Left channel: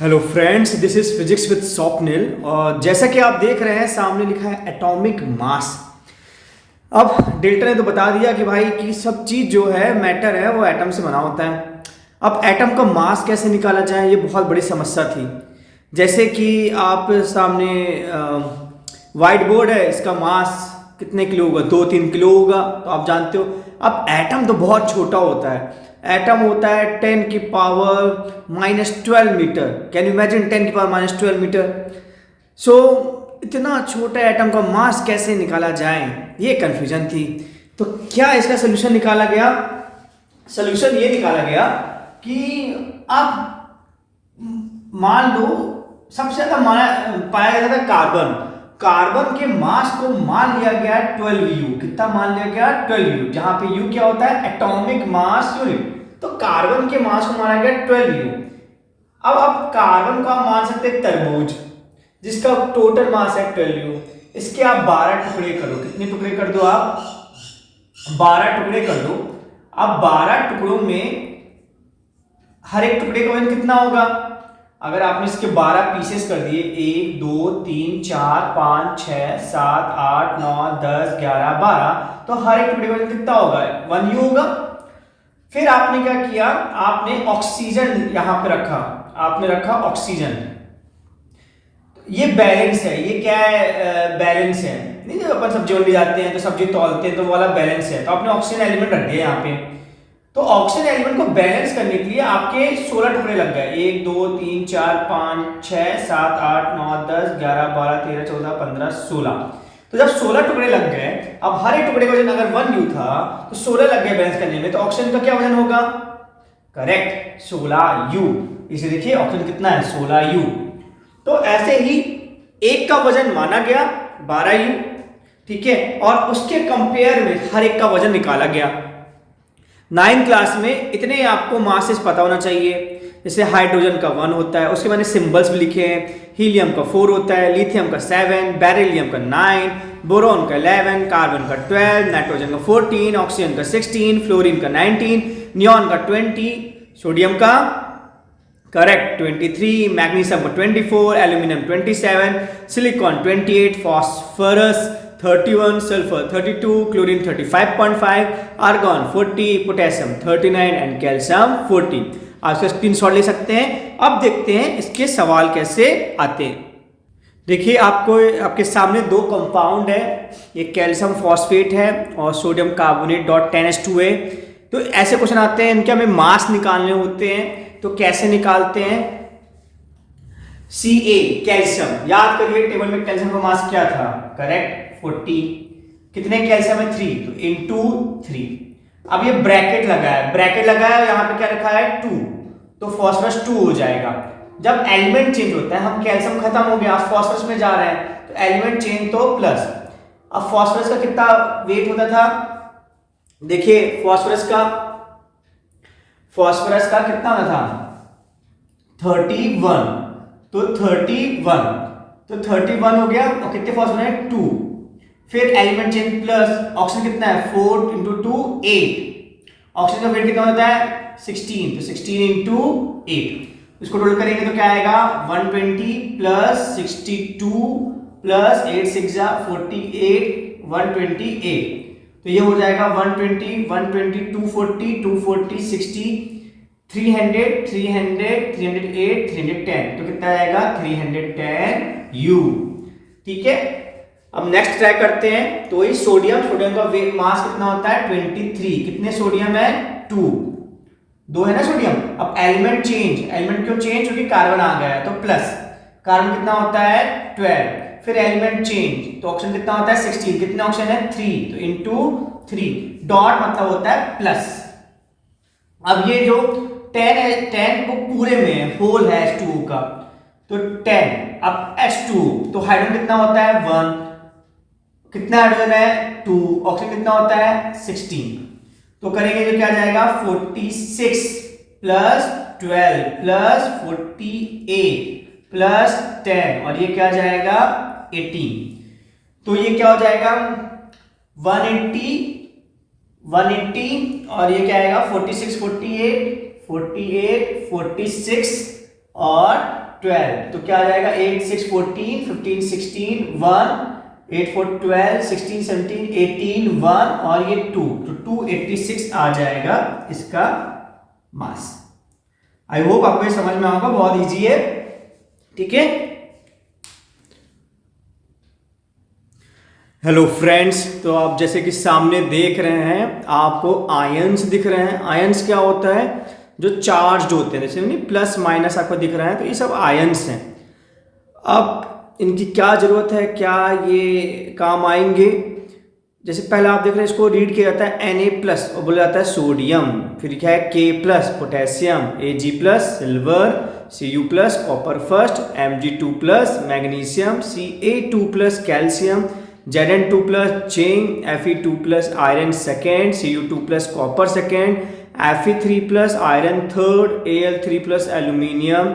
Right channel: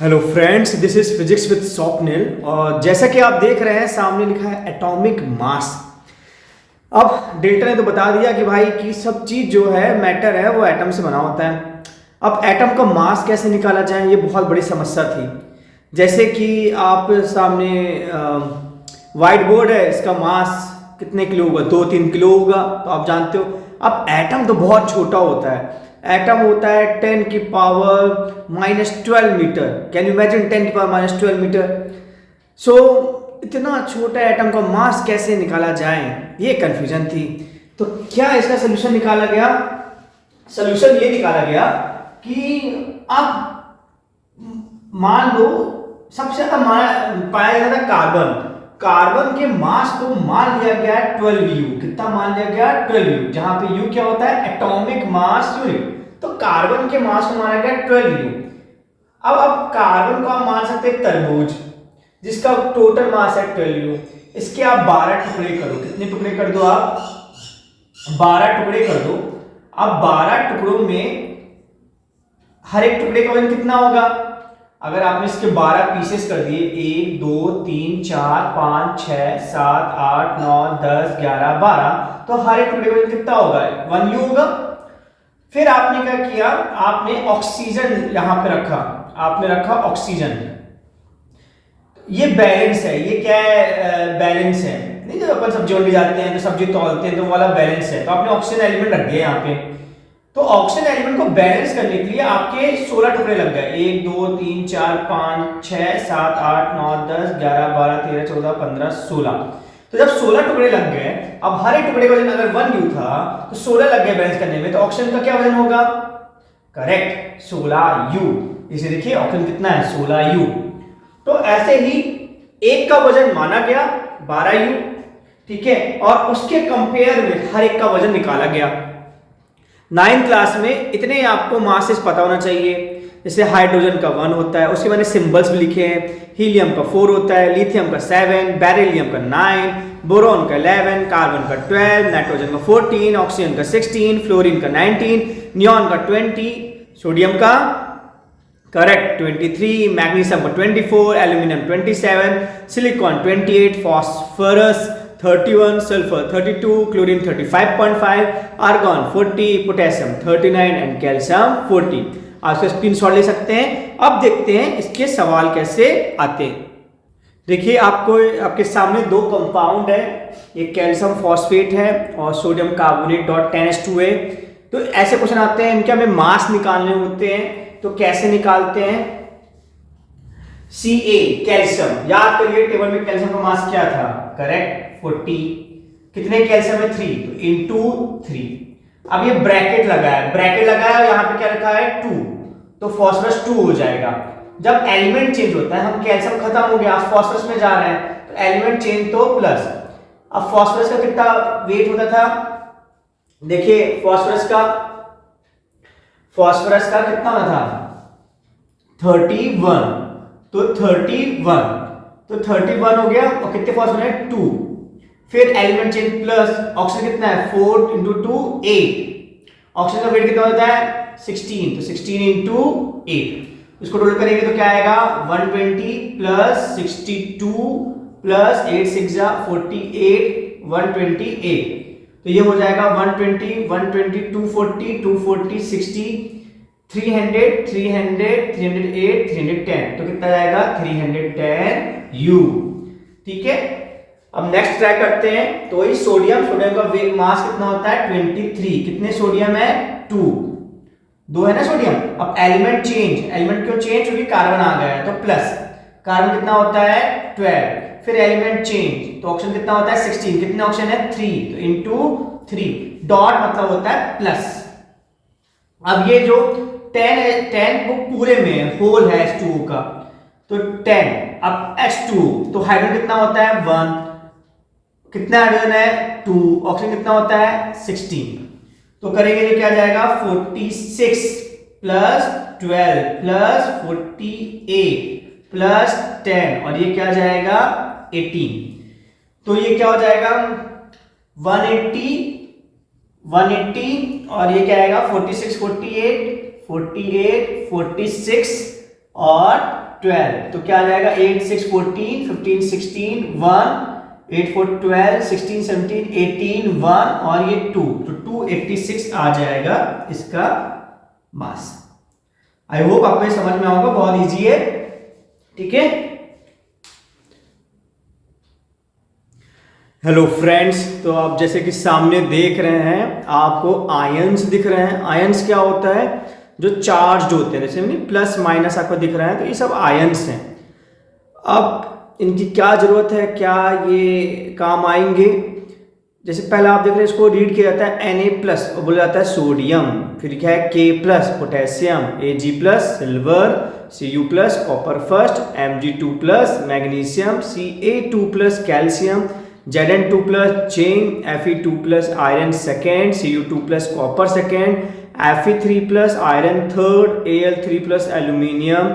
Hello friends, this is physics with Swapnil. और जैसा कि आप देख रहे हैं सामने लिखा है एटॉमिक मास। अब डेल्टा ने तो बता दिया कि भाई कि सब चीज़ जो है मैटर है वो एटम से बना होता है। अब एटम का मास कैसे निकाला जाए, ये बहुत बड़ी समस्या थी। जैसे कि आप सामने वाइट बोर्ड है, इसका मास कितने किलो होगा, 2-3 किलो होगा, तो आप जानते हो। अब एटम तो बहुत छोटा होता है। एटम होता है 10⁻⁻12 meter. Can you imagine 10⁻⁻12 meter? So इतना छोटा एटम का मास कैसे निकाला जाए, ये कंफ्यूजन थी। तो क्या इसका सोल्यूशन निकाला गया? सोल्यूशन ये निकाला गया कि आप मान लो सबसे ज्यादा पाया जाता है कार्बन। कार्बन के मास को मान लिया गया 12U। कितना मान लिया गया? 12U, जहां पे U क्या होता है? Atomic mass unit. तो कार्बन के मास को माना गया 12U। अब कार्बन को आप मान सकते हैं तरबूज, जिसका टोटल मास है 12U। इसके आप 12 टुकड़े करो। कितने टुकड़े कर दो आप? 12 टुकड़े कर दो। अब 12 टुकड़ों में हर एक टुकड़े का वजन कितना होगा? अगर आपने इसके 12 पीसेस कर दिए, 1 2 3 4 5 6 7 8 9 10 11 12, तो हर एक टुकड़े का वजन कितना होगा? 1U होगा। फिर आपने क्या किया? आपने ऑक्सीजन यहां पे रखा। आपने रखा ऑक्सीजन। ये बैलेंस है। ये क्या है? बैलेंस है। नहीं, जब अपन सब्जी मंडी जाते हैं तो सब्जी तौलते हैं तो वो वाला बैलेंस है। तो आपने ऑक्सीजन एलिमेंट रख दिया यहाँ पे। तो ऑक्सीजन एलिमेंट को बैलेंस करने के लिए आपके 16 टुकड़े लग गए। 1 2 3 4 5 6 7 8 9 10 11 12 13 14 15 16। तो जब 16 टुकड़े लग गए, अब हर एक टुकड़े का वजन अगर 1U था तो 16 लग गए बैलेंस करने में। तो ऑक्सीजन का क्या वजन होगा? Correct, 16U। इसे देखिए, ऑक्सीजन कितना है? 16U। तो ऐसे ही एक का वजन माना गया 12U, ठीक है, और उसके कंपेयर में हर एक का वजन निकाला गया। 9th क्लास में इतने आपको मासेस पता होना चाहिए। जैसे हाइड्रोजन का 1 होता है, उसके मैंने सिंबल्स भी लिखे हैं। हीलियम का 4 होता है, लिथियम का 7, बेरिलियम का 9, बोरॉन का 11, कार्बन का 12, नाइट्रोजन का 14, ऑक्सीजन का 16, फ्लोरीन का 19, नियॉन का 20, सोडियम का करेक्ट 23, मैग्नीशियम का 24, aluminium 27, silicon 28, phosphorus 31, sulphur 32, chlorine 35.5, argon 40, potassium 39 and calcium 40। आप इसका स्क्रीनशॉट ले सकते हैं। अब देखते हैं इसके सवाल कैसे आते हैं। देखिए, आपके सामने दो कंपाउंड है। एक कैल्शियम फॉस्फेट है और सोडियम कार्बोनेट .10H2 है। तो ऐसे क्वेश्चन आते हैं, इनके हमें मास निकालने होते हैं। तो कैसे निकालते हैं? Ca कैल्शियम, याद करिए टेबल में कैल्शियम का मास क्या था? करेक्ट 40। कितने कैल्शियम है? 3, तो इनटू 3। अब ये ब्रैकेट लगा है, यहाँ पे क्या रखा है? 2, तो फास्फोरस 2 हो जाएगा। जब एलिमेंट चेंज होता है, हम कैल्शियम खत्म हो गया, आप फास्फोरस में जा रहे हैं, तो एलिमेंट चेंज तो प्लस। अब फास्फोरस का कितना वेट होता था? देखिए, फास्फोरस का कितना होता था? 31। तो 31 हो गया। और कितने फास्फोरस है? 2। फिर एलिमेंट चेंज प्लस, ऑक्सीजन कितना है? 4 × 2 8। ऑक्सीजन का वेट कितना होता है? 16, तो 16 × 8। इसको टोटल करेंगे तो क्या आएगा? 120 प्लस 62 प्लस 8 6 जा 48, 128। तो ये हो जाएगा 120 120 240 240 60 300 300 308 310। तो कितना आएगा? 310U। ठीक है, अब नेक्स्ट ट्राई करते हैं। तो ये सोडियम का मास कितना होता है? 23। कितने सोडियम है? 2 है ना सोडियम। अब एलिमेंट क्यों चेंज? क्योंकि कार्बन आ गया है, तो प्लस। कार्बन कितना होता है? 12। फिर एलिमेंट चेंज, तो ऑक्सीजन कितना होता है? 16। कितने ऑक्सीजन है? 3, तो इनटू 3। डॉट मतलब होता है प्लस। अब ये जो 10 है, 10 वो पूरे में है, होल है H2O का, तो 10। अब H2, तो हाइड्रोजन कितना होता है? 1। कितना हाइड्रोजन है? 2। ऑक्सीजन कितना होता है? 16। तो करेंगे तो क्या जाएगा? 46 प्लस 12 प्लस 48 प्लस 10, और ये क्या जाएगा? 18। तो ये क्या हो जाएगा? 180 और ये क्या आएगा? 46 48 46 और 12, तो क्या आ जाएगा 8 6 14 15 16 1 8 4 12 16 17 18 1 और ये 2, तो 286 आ जाएगा इसका मास। आई होप आपको ये समझ में आएगा, बहुत इजी है, ठीक है। हेलो फ्रेंड्स, तो आप जैसे कि सामने देख रहे हैं आपको आयंस दिख रहे हैं। आयंस क्या होता है, जो चार्ज होते हैं, जैसे प्लस माइनस आपको दिख रहा है, तो ये सब आयंस हैं। अब इनकी क्या जरूरत है, क्या ये काम आएंगे, जैसे पहला आप देख रहे हैं इसको रीड किया जाता है Na+ और बोला जाता है सोडियम, फिर क्या है K+ potassium, Ag+ silver, Cu+ copper first, Mg2+ magnesium, Ca2+ calcium, Zn2+ zinc, Fe2+ iron second, Cu2+ copper second, Fe3+ iron third, Al3+ aluminium,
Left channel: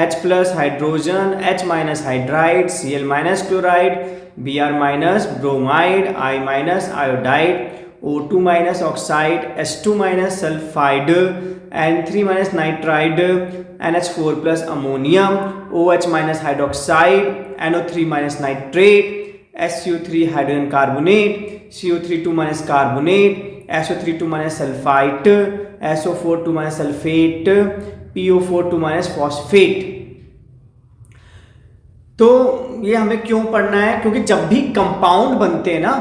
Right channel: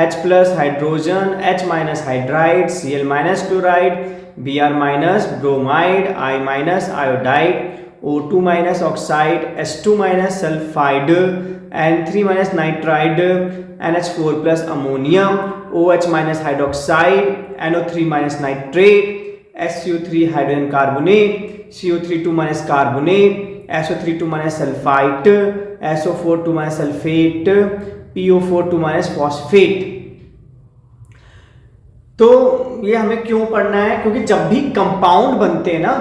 H+ hydrogen, H- hydride, Cl- chloride, Br- bromide, I- iodide, O2- oxide, H2- sulphide, N3- nitride, NH4+ ammonium, OH- hydroxide, NO3- nitrate, SO3 hydrogen carbonate, CO3 carbonate, SO3 sulphite, SO4 sulphate, PO4 phosphate. तो ये हमें क्यों पढ़ना है, क्योंकि जब भी compound बनते हैं ना,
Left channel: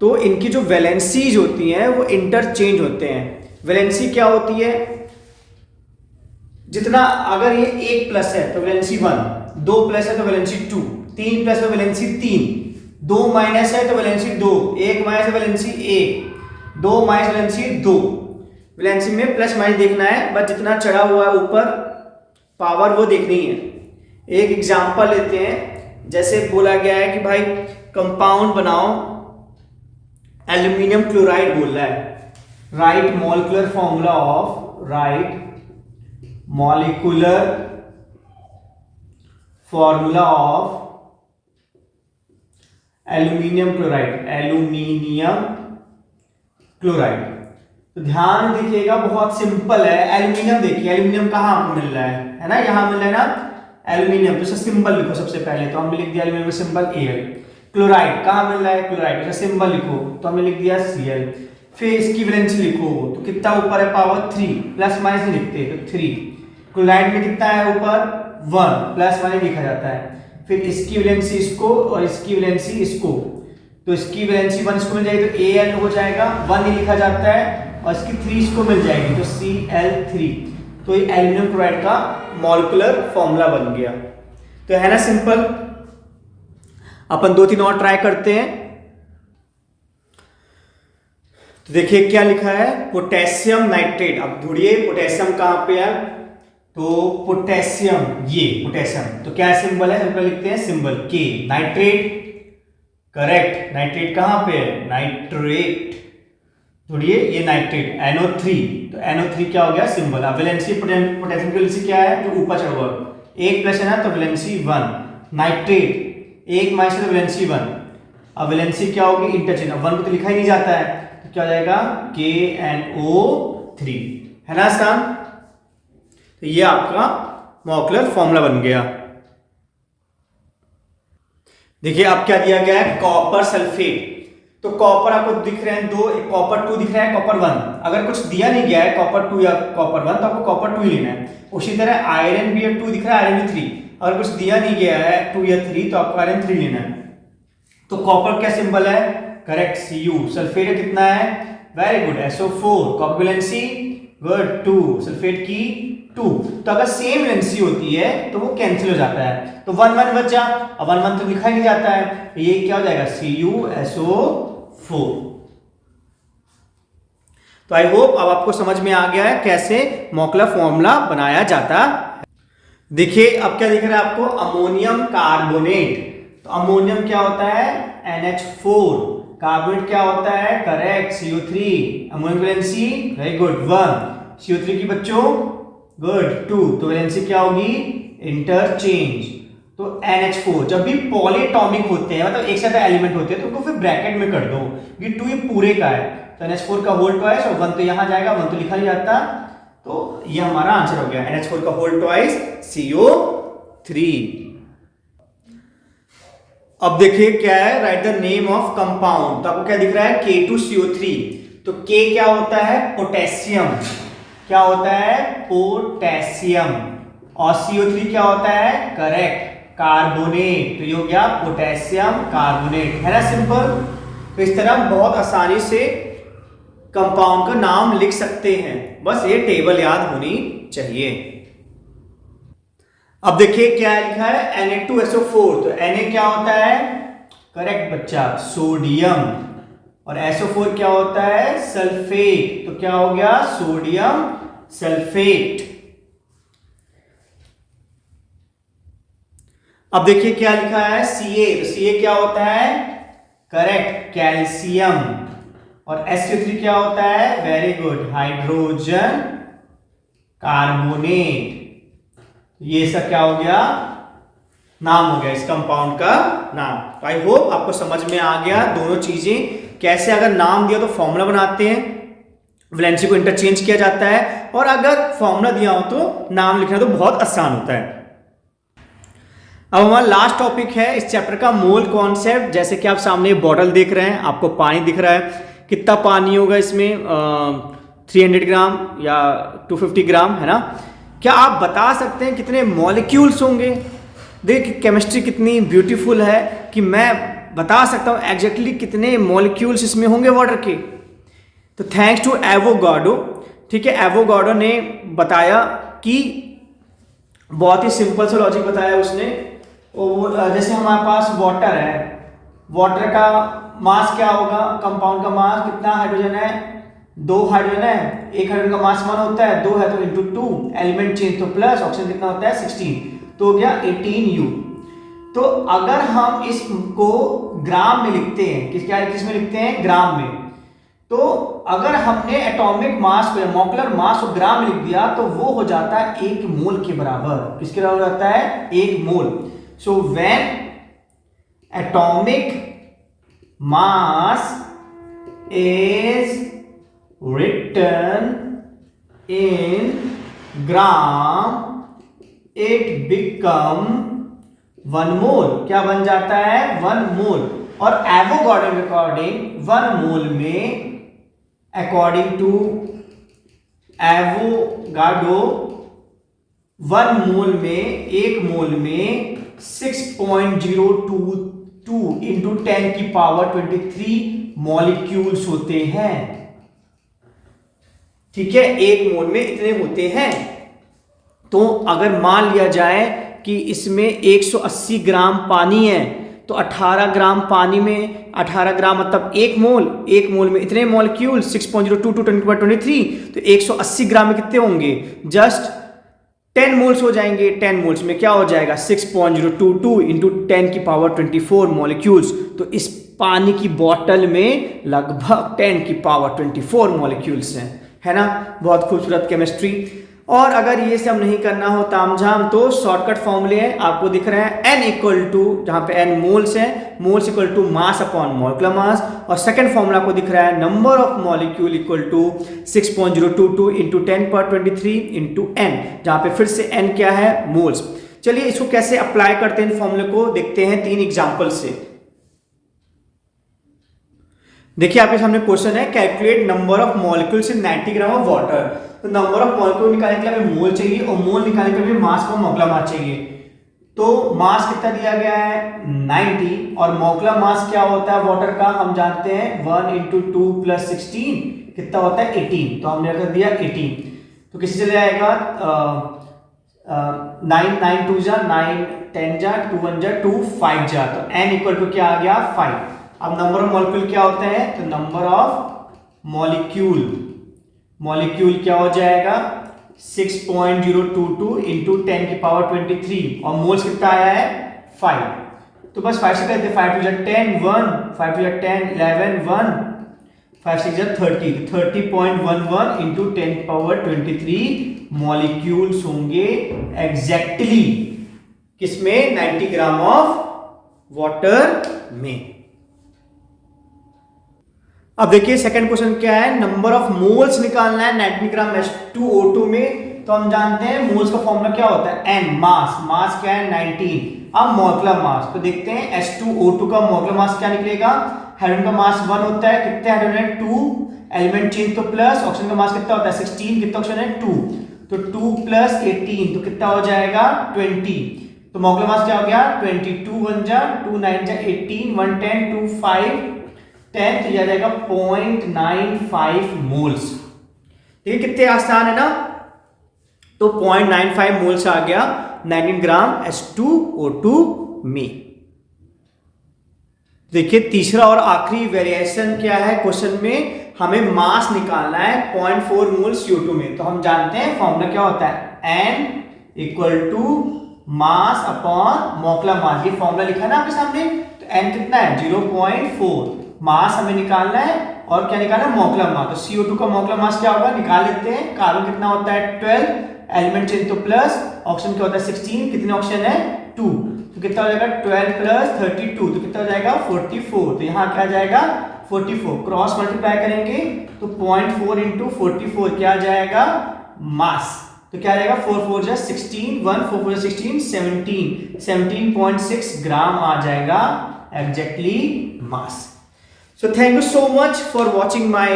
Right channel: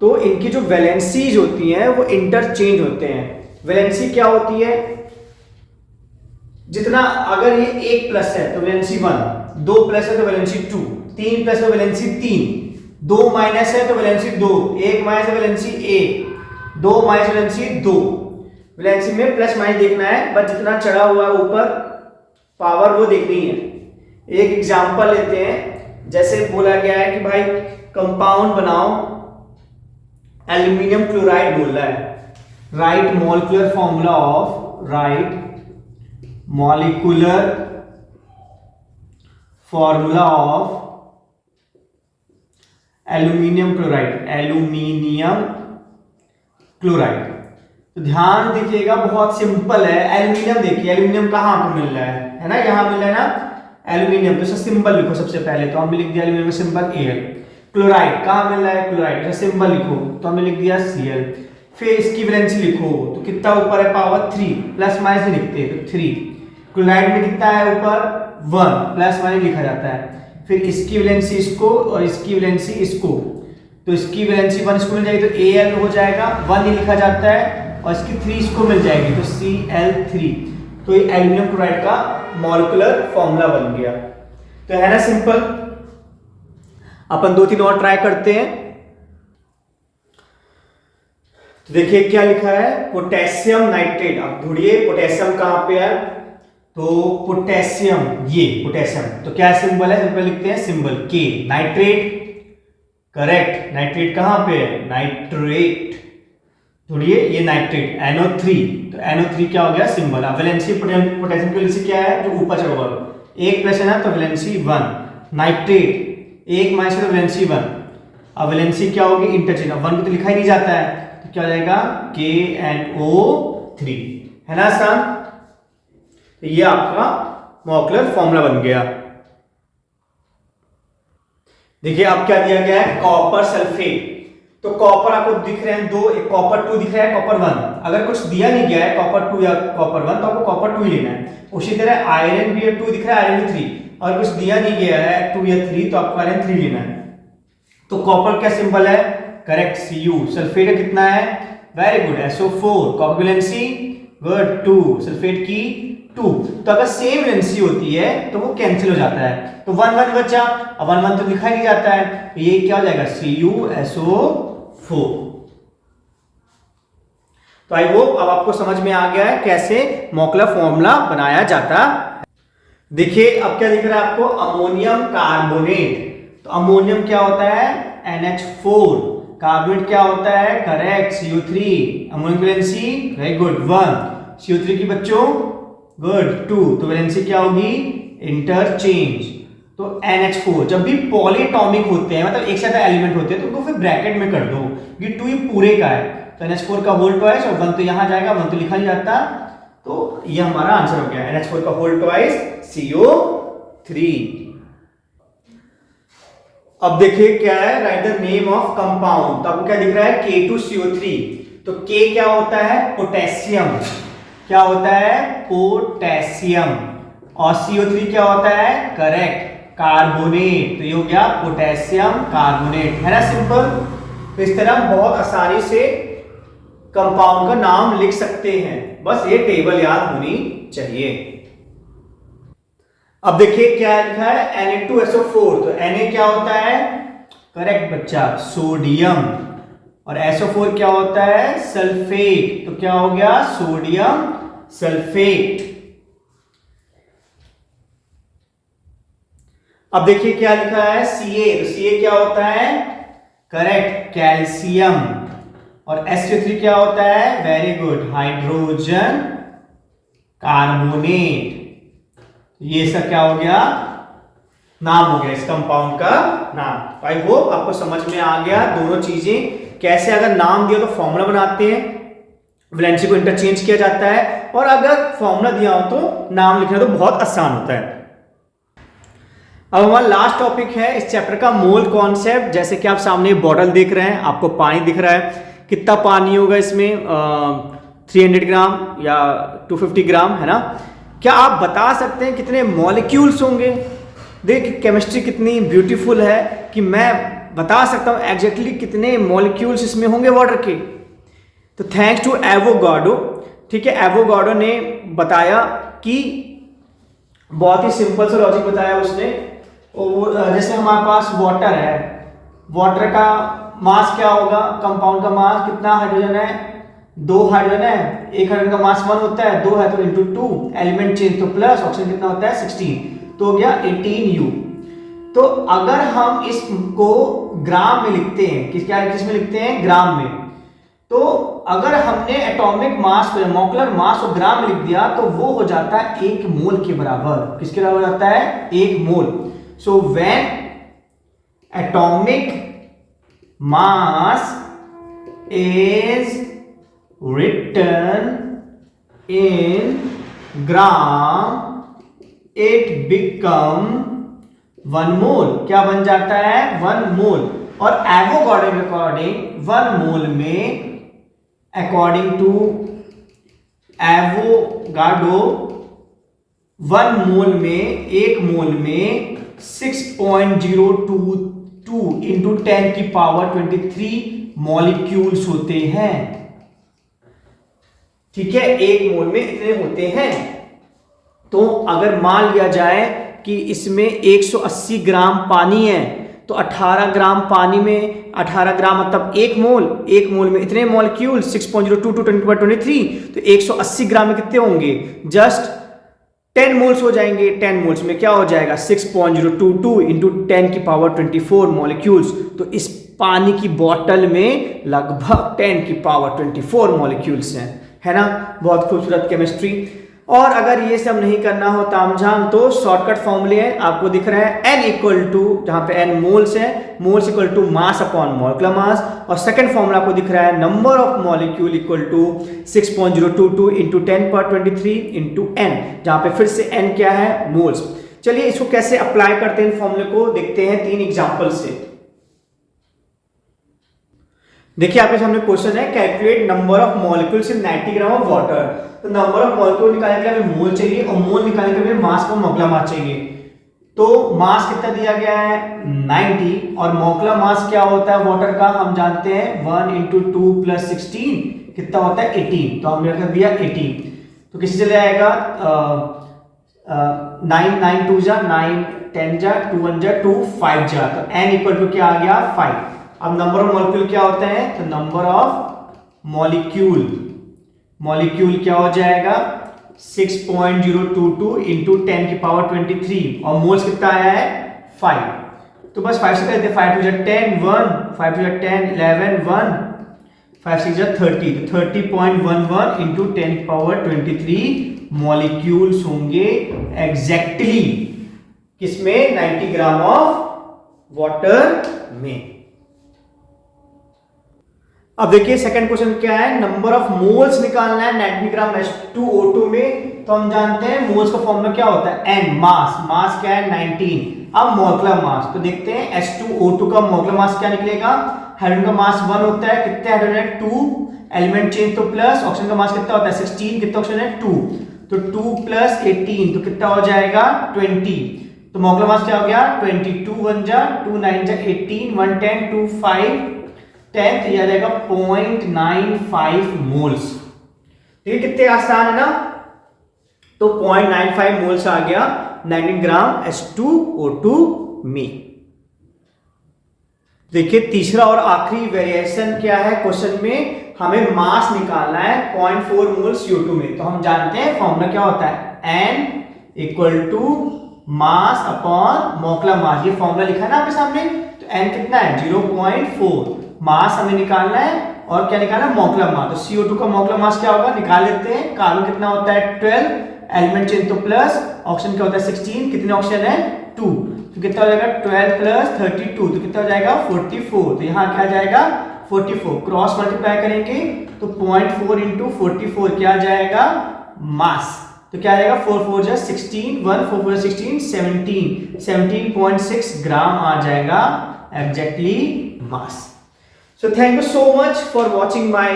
तो इनकी जो वैलेंसीज होती हैं वो इंटरचेंज होते हैं। वैलेंसी क्या होती है, जितना अगर ये 1+ है तो वैलेंसी 1, 2+ है तो वैलेंसी 2, 3+ है वैलेंसी 3, 2- है तो वैलेंसी 2, 1- है वैलेंसी 1, 2- वैलेंसी 2। वैलेंसी में प्लस माइनस देखना है, बस जितना चढ़ा हुआ है ऊपर पावर वो देखनी है। एक एग्जांपल लेते हैं, जैसे बोला गया है कि भाई कंपाउंड बनाओ, एल्यूमिनियम क्लोराइड बोल रहा है, right molecular formula of aluminium chloride. तो ध्यान देखिएगा, बहुत सिंपल है। एल्यूमिनियम देखिए, एल्यूमिनियम कहाँ आपको मिल रहा है ना, यहाँ मिल रहा है ना एल्यूमिनियम, तो इसका सिंबल लिखो सबसे पहले, तो हमने लिख दिया एल्यूमिनियम का सिंबल Al। क्लोराइड कहाँ मिल रहा है, क्लोराइड का सिंबल लिखो, तो हमने लिख दिया Cl। फिर इसकी वैलेंसी लिखो, तो कितना ऊपर है, पावर 3, प्लस माइनस लिखते हैं तो 3। क्लोराइड में कितना है ऊपर, 1, प्लस माइनस लिखा जाता है। फिर इसकी वैलेंसी इसको और इसकी वैलेंसी इसको, तो इसकी वैलेंसी 1 इसको मिल जाएगी तो Al हो जाएगा, 1 ही लिखा जाता है, और इसकी 3 इसको मिल जाएगी तो Cl3। तो ये एल्यूमिनियम क्लोराइड का मॉलिक्यूलर फॉर्मूला बन गया। तो है ना सिंपल। अपन 2-3 और ट्राई करते हैं। तो देखिए क्या लिखा है, पोटेशियम नाइट्रेट। अब ढूंढिए पोटेशियम कहां पे है, तो पोटेशियम, ये पोटेशियम, तो क्या सिंबल है, ऊपर लिखते हैं symbol K। Nitrate, correct, nitrate कहां पे है, नाइट्रेट, ढूंढिए ये नाइट्रेट, NO3, तो NO3 क्या हो गया सिंबल। अब वैलेंसी पोटेशियम की वैलेंसी क्या है, जो ऊपर चढ़ा हुआ 1+ है ना, तो वैलेंसी 1। नाइट्रेट 1- है तो वैलेंसी 1। अब वैलेंसी क्या होगी, इंटरचेंज, 1 को तो लिखा ही नहीं जाता है, तो क्या हो जाएगा KNO3, है ना आसान। तो ये आपका मॉलिक्यूलर फॉर्मूला बन गया। देखिए अब क्या दिया गया है, कॉपर सल्फेट। तो कॉपर आपको दिख रहे हैं 2, एक कॉपर 2 दिख रहा है, कॉपर 1। अगर कुछ दिया नहीं गया है कॉपर 2 या कॉपर 1, तो आपको कॉपर 2 ही लेना है। उसी तरह आयरन भी 2 दिख रहा है, आयरन भी 3। अगर कुछ दिया नहीं गया है 2 या 3, तो आपको आयरन 3 लेना है। तो कॉपर क्या सिंबल है, करेक्ट Cu। सल्फेट कितना है, very good, SO4। Copper valency good 2, sulphate की 2। तो अगर सेम वैलेंसी होती है तो वो कैंसिल हो जाता है, तो 1-1 बचा। अब 1-1 तो लिखा ही नहीं जाता है, तो ये क्या हो जाएगा CuSO4। तो आई होप अब आपको समझ में आ गया है कैसे मॉलिक्यूलर फॉर्मूला बनाया जाता है। देखिए अब क्या दिख रहा है आपको, अमोनियम कार्बोनेट। तो अमोनियम क्या होता है, NH4। कार्बोनेट क्या होता है, correct CO3। Ammonium valency very good 1, CO3 की बच्चों गुड 2, तो वैलेंसी क्या होगी, इंटरचेंज। तो NH4 जब भी पॉलीएटॉमिक होते हैं, मतलब एक साथ एलिमेंट होते हैं, तो उनको फिर ब्रैकेट में कर दो, ये 2 ये पूरे का है, तो NH4 का होल ट्वाइस, और 1 तो यहां जाएगा, 1 तो लिखा नहीं जाता, तो ये हमारा आंसर हो गया NH4 का होल ट्वाइस CO3। अब देखिए क्या है, right the name of compound. तो आपको क्या दिख रहा है, K2CO3। तो K क्या होता है, पोटेशियम। क्या होता है, पोटेशियम। और CO3 क्या होता है, करेक्ट, कार्बोनेट। तो ये हो गया पोटेशियम कार्बोनेट, है ना, सिंपल। इस तरह हम बहुत आसानी से कंपाउंड का नाम लिख सकते हैं, बस ये टेबल याद होनी चाहिए। अब देखिए क्या लिखा है, Na2SO4। तो Na क्या होता है, करेक्ट बच्चा, सोडियम। और SO4 क्या होता है, सल्फेट। तो क्या हो गया, सोडियम सल्फेट। अब देखिए क्या लिखा है, Ca। तो Ca क्या होता है, करेक्ट, कैल्शियम। और SO3 क्या होता है, वेरी गुड, हाइड्रोजन कार्बोनेट। ये सब क्या हो गया, नाम हो गया इस कंपाउंड का नाम। आई होप आपको समझ में आ गया दोनों चीजें, कैसे अगर नाम दिया तो फॉर्मूला बनाते हैं, वैलेंसी को इंटरचेंज किया जाता है, और अगर फॉर्मूला दिया हो तो नाम लिखना तो बहुत आसान होता है। अब हमारा लास्ट टॉपिक है इस चैप्टर का, मोल कॉन्सेप्ट। जैसे कि आप सामने बॉटल देख रहे हैं, आपको पानी दिख रहा है, कितना पानी होगा इसमें, 300 ग्राम या 250 ग्राम, है ना। क्या आप बता सकते हैं कितने मॉलिक्यूल्स होंगे? देख केमिस्ट्री कितनी ब्यूटीफुल है कि मैं बता सकता हूं एग्जैक्टली कितने मॉलिक्यूल्स इसमें होंगे वाटर के। तो थैंक्स टू एवोगाड्रो, ठीक है, एवोगाड्रो ने बताया कि बहुत ही सिंपल सा लॉजिक बताया उसने। जैसे हमारे पास वाटर है, वाटर का मास क्या होगा, कंपाउंड का मास कितना, हाइड्रोजन है 2 हाइड्रोजन है, एक हाइड्रोजन का मास 1 होता है, 2 है तो इंटू 2, एलिमेंट चेंज तो प्लस, ऑक्सीजन कितना होता है 16, तो हो गया 18U। तो अगर हम इसको ग्राम में लिखते हैं, किस में लिखते हैं, ग्राम में, तो अगर हमने एटॉमिक मास को, मॉलिक्यूलर मास को ग्राम में लिख दिया तो वो हो जाता है 1 मोल के बराबर। किसके बराबर हो जाता है, 1 mole. So when atomic mass is written in gram it become 1 mole. क्या बन जाता है, 1 मोल। और एवोगाड्रो के अकॉर्डिंग 1 मोल में, अकॉर्डिंग टू एवोगाड्रो 1 मोल में, 1 मोल में 6.022 इंटू 10 की पावर 23 मॉलिक्यूल्स होते हैं। ठीक है, 1 मोल में इतने होते हैं। तो अगर मान लिया जाए कि इसमें 180 ग्राम पानी है, तो 18 ग्राम पानी में 18 ग्राम मतलब 1 मोल, 1 मोल में इतने मॉलिक्यूल 6.022 10 की पावर 23, तो 180 ग्राम में कितने होंगे, जस्ट 10 मोल्स हो जाएंगे। 10 मोल्स में क्या हो जाएगा, 6.022 इंटू 10 की पावर 24 मॉलिक्यूल्स। तो इस पानी की बोतल में लगभग 10 की पावर 24 मॉलिक्यूल्स हैं, है ना। बहुत खूबसूरत केमिस्ट्री। और अगर ये सब नहीं करना हो तामझाम, तो शॉर्टकट फॉर्मूले हैं, आपको दिख रहे हैं, n इक्वल टू, जहां पे n मोल्स है, moles equal to mass upon molecular mass. और सेकंड फॉर्मूला आपको दिख रहा है, number of molecule equal to 6.022 into 10 पर 23 इंटू n, जहां पे फिर से n क्या है, मोल्स। चलिए इसको कैसे अप्लाई करते हैं, इन फॉर्मूले को देखते हैं 3 एग्जाम्पल से। देखिए आपके सामने क्वेश्चन है, calculate number of molecules in 90 gram of water. तो नंबर ऑफ मॉलिक्यूल निकालने के लिए हमें मोल चाहिए, और मोल निकालने के लिए मास को मॉलिक्यूलर मास चाहिए। तो मास कितना दिया गया है, 90, और मॉलिक्यूलर मास क्या होता है वाटर का, हम जानते हैं 1 इंटू 2 प्लस 16 कितना होता है 18, तो हमने कर दिया 18। तो किसी चले आएगा 9 9 2 जा 9 10 जा 2 1 जा 2 5 जा, तो n इक्वल टू क्या आ गया 5। अब नंबर ऑफ मॉलिक्यूल क्या होता है, तो नंबर ऑफ मॉलिक्यूल क्या हो जाएगा 6.022 इंटू 10 की पावर 23, और मोल्स कितना आया है 5। तो बस 5 से कहते हैं, 5 टू 10 1, 5 टू 10 11 1, 5 6 30, 30.11 इंटू 10 की पावर 23 मॉलिक्यूल्स होंगे एग्जैक्टली किसमें, 90 ग्राम ऑफ वाटर में। अब देखिए सेकंड क्वेश्चन क्या है, नंबर ऑफ मोल्स निकालना है 90 ग्राम H2O2 में। तो हम जानते हैं मोल्स का फॉर्मूला क्या होता है, N। मास क्या है 19। अब मॉलिक्यूलर मास तो देखते हैं H2O2 का मॉलिक्यूलर मास क्या निकलेगा। हाइड्रोजन का मास 1 होता है, कितने हाइड्रोजन है 2, एलिमेंट चेंज तो प्लस। ऑक्सीजन का मास कितना होता है 16, कितना ऑक्सीजन है 2, तो 2 + 18 तो कितना हो जाएगा 20। तो मॉलिक्यूलर मास क्या हो गया 22 1 जा 2 9 जा 18 1 10 2 5 10, तो यह आ जाएगा 0.95 मोल्स। देखिए कितने आसान है ना। तो 0.95 मोल्स आ गया 19 ग्राम H2O2 में। देखिए तीसरा और आखिरी वेरिएशन क्या है क्वेश्चन में, हमें मास निकालना है 0.4 मोल CO2 में। तो हम जानते हैं फॉर्मूला क्या होता है, N = मास अपॉन मॉलिक्यूलर मास। ये फॉर्मूला लिखा है ना आपके सामने। तो N कितना है 0.4, मास हमें निकालना है और क्या निकालना है मॉलिक्यूलर मास। तो CO2 का मॉलिक्यूलर मास क्या होगा निकाल लेते हैं। कार्बन कितना होता है 12, एलिमेंट चेंज तो प्लस। ऑक्सीजन क्या होता है 16, कितने ऑक्सीजन है 2, तो कितना हो जाएगा 12 + 32, तो कितना हो जाएगा 44। तो यहाँ क्या जाएगा 44, क्रॉस मल्टीप्लाई करेंगे तो 0.4 × 44 क्या आ जाएगा मास। तो क्या आ जाएगा 4 4 जा 16, 1 4 4 16 17.6 ग्राम आ जाएगा exactly mass. So thank you so much for watching my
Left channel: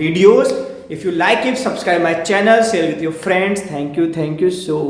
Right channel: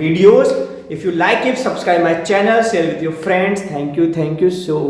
videos. If you like it, subscribe my channel, share with your friends. Thank you so